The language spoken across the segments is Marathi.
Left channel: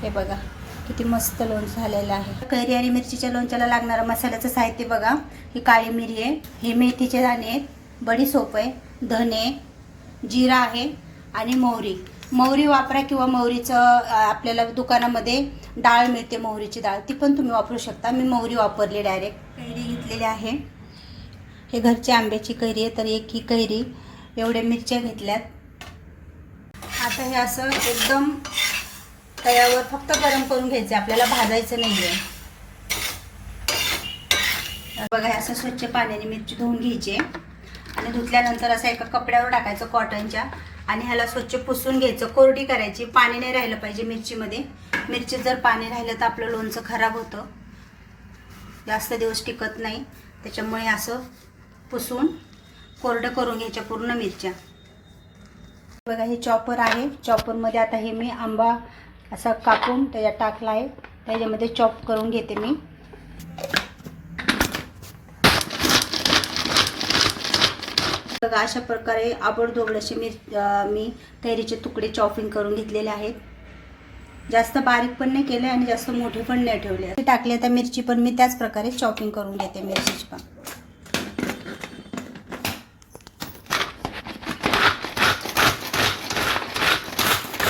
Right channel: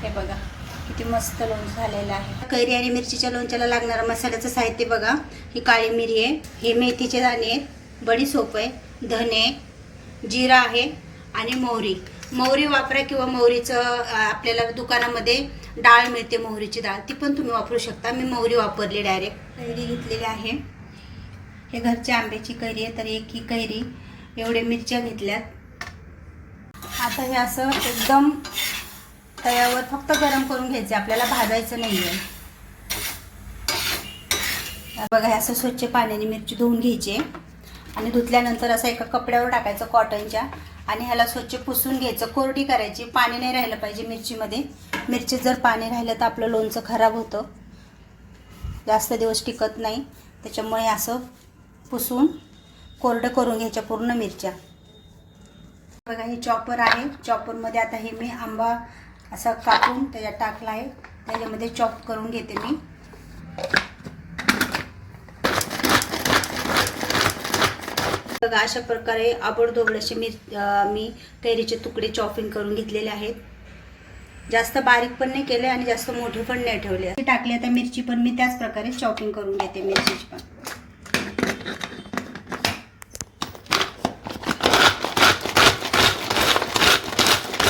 हे बघा किती मस्त लोणचं झालेलं आहे। कैरी आणि मिरचीच्या लोणच्याला लागणारं मसाल्याचं साहित्य बघा। ही काळी मिरी आहे, हे मेथीचे दाणे आहेत, बडीशेप आहे, धने, जिरा आहे आणि मोहरी। मोहरी वापरा किंवा मोहरीचं आपल्याला दुकानामध्ये डाळ मिळते, मोहरीची डाळ, ती पण तुम्ही वापरू शकता। मी मोहरी वापरली डायरेक्ट। कैरी घेतलेली आहे, हे घरच्या आंब्याची कैरी आहे, तर एक ही कैरी, एवढे मिरच्या घेतल्यात। आता हे असं एकदम तव्यावर फक्त गरम करून घ्यायचं, आपल्याला भाजायचं नाही आहे। बघा हे असं स्वच्छ पाण्याने मिरची धुवून घ्यायची आणि धुतल्यानंतर असं एका कपड्यावर टाकायचं कॉटनच्या आणि ह्याला स्वच्छ पुसून घ्यायचं, कोरडी करायची। पाणी नाही राहिलं पाहिजे मिरचीमध्ये। मिरचीत जर पाणी राहिलं तर आपलं लोणचं खराब होतं, जास्त दिवस टिकत नाही, त्याच्यामुळे असं पुसून कोरडं करून घ्यायच्या पूर्ण मिरच्या। बघा हे चॉपर आहे, चॉपरमध्ये आता हे मी आंबा असं कापून त्याच्यात टाकला आहे, त्याच्यामध्ये चॉप करून घेते मी। बघा अशा प्रकारे आबडधोबड असे मी कैरीचे तुकडे चॉपिंग करून घेतलेले आहेत। जास्त बारीक पण नाही केले आणि जास्त मोठे पण नाही ठेवले। टाकले आता मिरची पण मी त्याच प्रकारे चॉपिंग करून घेते मिरचीची पण।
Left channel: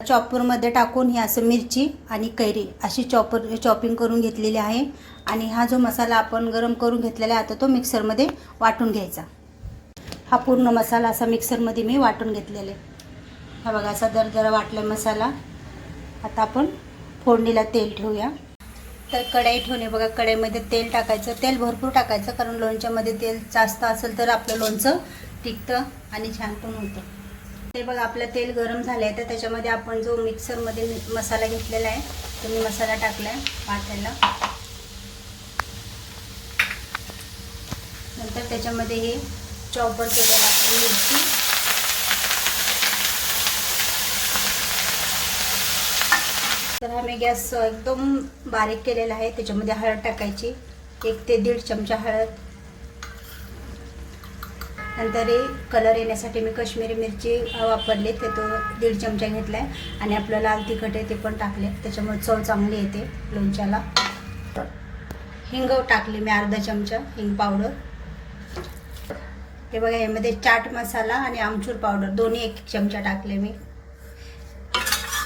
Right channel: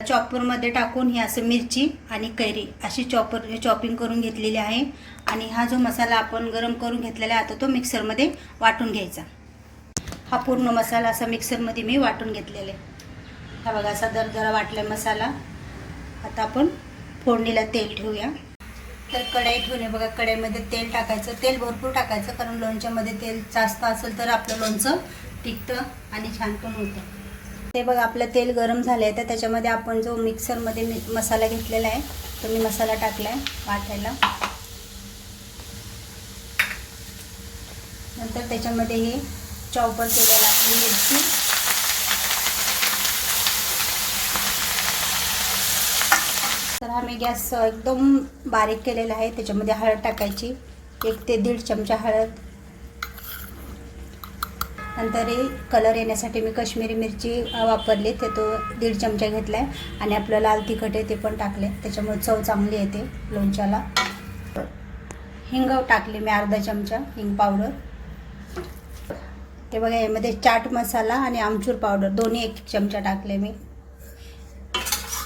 चॉपरमध्ये टाकून ही असं मिरची आणि कैरी अशी चॉपिंग करून घेतलेली आहे आणि हा जो मसाला आपण गरम करून घेतलेला आहे आता तो मिक्सरमध्ये वाटून घ्यायचा। हा पूर्ण मसाला असा मिक्सरमध्ये मी वाटून घेतलेला आहे। हा बघा असा दरदरा वाटला मसाला। आता आपण फोडणीला तेल ठेवूया। तर कढई ठेवणे बघा, कढईमध्ये तेल टाकायचं, तेल भरपूर टाकायचं, कारण लोणच्यामध्ये तेल जास्त असेल तर आपलं लोणचं टिकतं आणि छान पण होतं। ते बघा आपलं तेल गरम झालं आहे, तर त्याच्यामध्ये आपण जो मिक्सरमध्ये मसाला घेतलेला आहे तो मी मसाला टाकला आहे वाटायला। नंतर त्याच्यामध्ये हे चॉपर केलेला मिरची, तर आम्ही गॅस एकदम बारीक केलेला आहे। त्याच्यामध्ये हळद टाकायची, 1 ते 1.5 चमचा हळद। नंतर कलर येण्यासाठी मी काश्मीरी मिरची वापरली, ते तो 1.5 चमचा घेतला आहे आणि आपलं लाल तिखट आहे ते पण टाकले, त्याच्यामुळे चव चांगली येते लोणच्याला। हिंग टाकले मी अर्धा चमचा हिंग पावडर। हे बघा यामध्ये चाट मसाला आणि आमचूर पावडर दोन्ही 1 चमचा टाकले मी।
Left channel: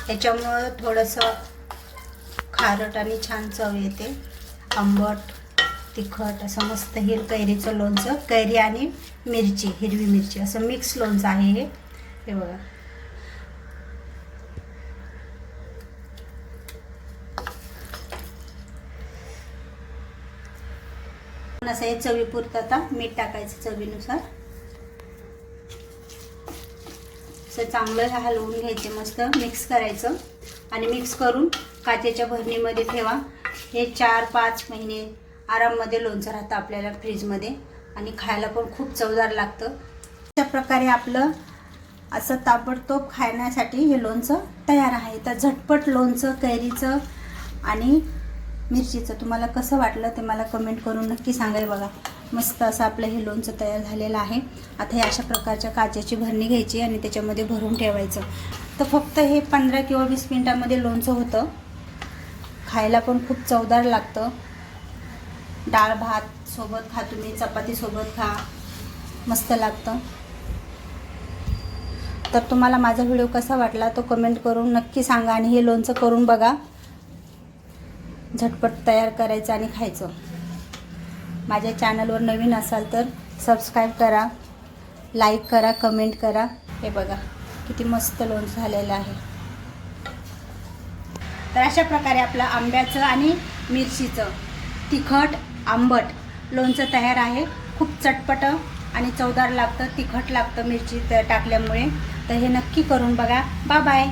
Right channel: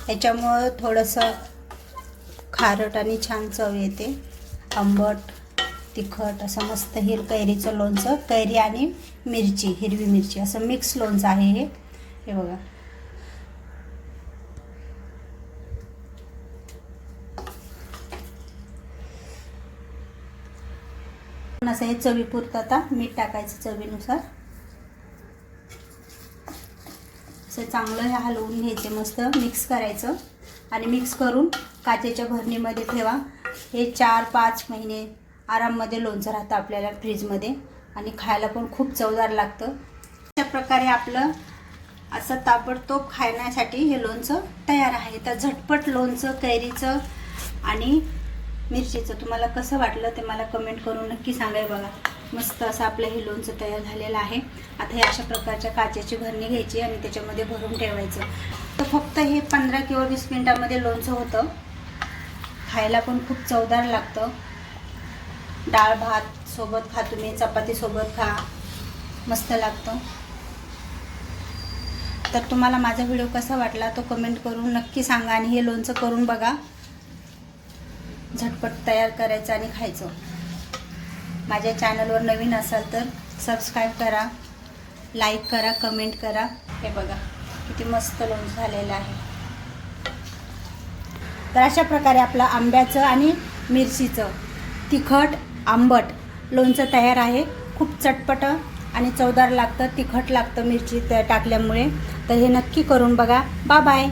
याच्यामुळे थोडंसं खारट आणि छान चव येते, आंबट तिखट असं मस्त हे कैरीचं लोणचं। कैरी आणि मिरची, हिरवी मिरची असं मिक्स लोणचं आहे हे बघा। असं हे चवीपुरतं आता मीठ टाकायचं चवीनुसार। असं चांगलं हलवून घ्यायचे, मस्त मिक्स करायचं आणि मिक्स करून काचेच्या भरणीमध्ये ठेवा। हे 4-5 महिने आराममध्ये लोणचं राहतं आपल्याला फ्रीजमध्ये आणि खायला पण खूप चवदार लागतं। अशा प्रकारे आपलं असं ताबडतोब खाण्यासाठी हे लोणचं तयार आहे। तर झटपट लोणचं कैरीचं आणि मिरचीचं तुम्हाला कसं वाटलं ते मला कमेंट करून नक्की सांगाय। बघा मस्त असं आपलं हे लोणचं तयार झालेलं आहे। आता हे अशा प्रकारच्या काचेची भरणी घ्यायची आणि त्याच्यामध्ये भरून ठेवायचं। तर फक्त हे 15 किंवा 20 मिनिटांमध्ये लोणचं होतं, खायला पण खूप चवदार लागतं। डाळ भात सोबत खा, तुम्ही चपाती सोबत खा, मस्त लागतं। तर तुम्हाला माझा व्हिडिओ कसा वाटला तो कमेंट करून नक्की सांगा आणि हे लोणचं करून बघा, झटपट तयार करायचं आणि खायचं। माझ्या चॅनलवर नवीन असाल तर सबस्क्राईब करा, लाईक करा, कमेंट करा। हे बघा किती मस्त लोणचं झालेलं आहे। तर अशा प्रकारे आपलं आंब्याचं आणि मिरचीचं तिखट आंबट लोणचं तयार आहे। खूप चटपट आणि चवदार लागतं, तिखट लागतं मिरची टाकल्यामुळे। तर हे नक्की करून बघा। Bye bye.